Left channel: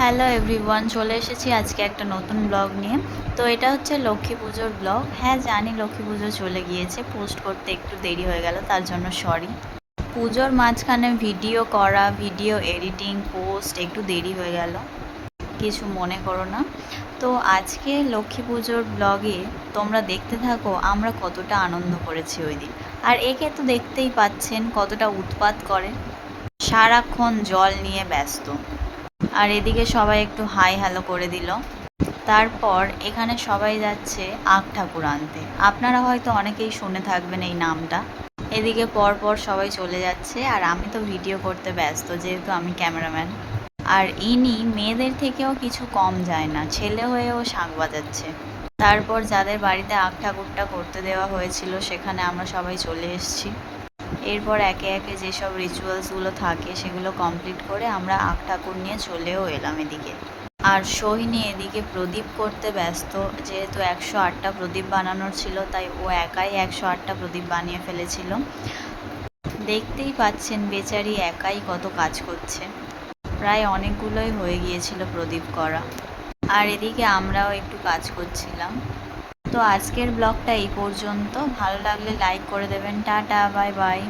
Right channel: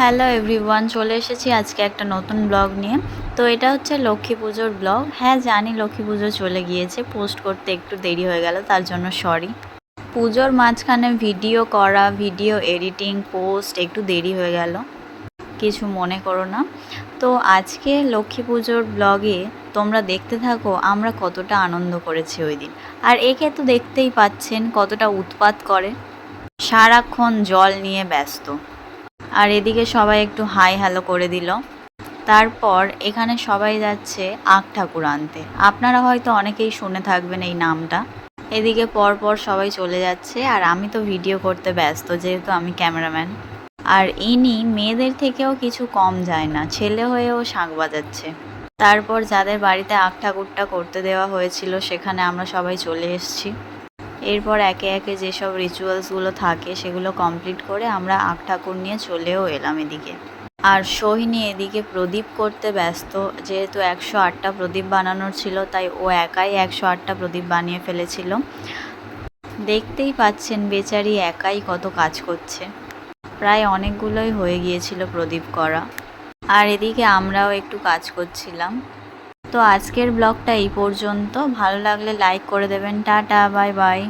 Hello everyone, চলে এসেছি আজকে একটা নতুন ব্লগ নিয়ে। তো এটা হচ্ছে লক্ষ্মী পুজোর ব্লগ। হ্যাঁ জানি লক্ষ্মী পুজো চলে গিয়েছে, পোস্ট করতে একটু দেরি হয়ে গেল, তার জন্য সরি। পুজোর মাঝখানে ভিডিও করা, ভিডিও এডিটিং, পোস্ট একটু দেরি হয়ে গেল, কিছু মনে করো না। তো আজকে লক্ষ্মী পুজোর ব্লগে তোমরা দেখতে থাকো আমরা কতটা আনন্দ করেছি ওই দিন। আর একে তো দেখতেই পাচ্ছেন কতটা উৎপাত করে, সারাক্ষণ জল নিয়ে ব্যস্ত। আর এদিকে সবাই একটু হাই হ্যালো করে দিল। তারপর এখানে সবাই যাচ্ছে আখ ঠাকুর আনতে। আপনারা হয়তো অনেকেই শুনে থাকবেন এই নামটা। এদিকে পরপর সবাই চলে যাচ্ছে, আর আমি তো ভিডিও করতে ব্যস্ত যেহেতু আমি ক্যামেরাম্যান। আর ইনি মেয়েদের থেকেও কিছু কম যায় না, ছেলে হয়েও শাঁখ বাজাচ্ছে। তারপর যাদের বাড়িতে আখ ঠাকুরটা করতে দেওয়া হয়েছিল সেখানে আমরা সবাই চলে এসেছি। এরপর একে একে যেসব রিচুয়ালসগুলো থাকে সেগুলো কমপ্লিট করে আমরা আখ ঠাকুর নিয়ে চলেও এলাম এদিকে। আর সোহিনী এদিকে প্রদীপ করতে ব্যস্ত, যেহেতু 108টা প্রদীপ বানানোর ছিল তাই ও একাই 108টা প্রদীপ বানিয়ে ফেলেছিল। দেখতেই পাচ্ছেন বেচারি একাই কত কাজ করছে, প্রায় অনেকগুলোই হয়ে গিয়েছিল প্রদীপ করা। আর এদিকে আমরাও একটু কাজ করছিলাম। তো আজকের ব্লগটা এই পর্যন্ত, ভালো লাগলে লাইক করে দেবেন। Tata, bye bye.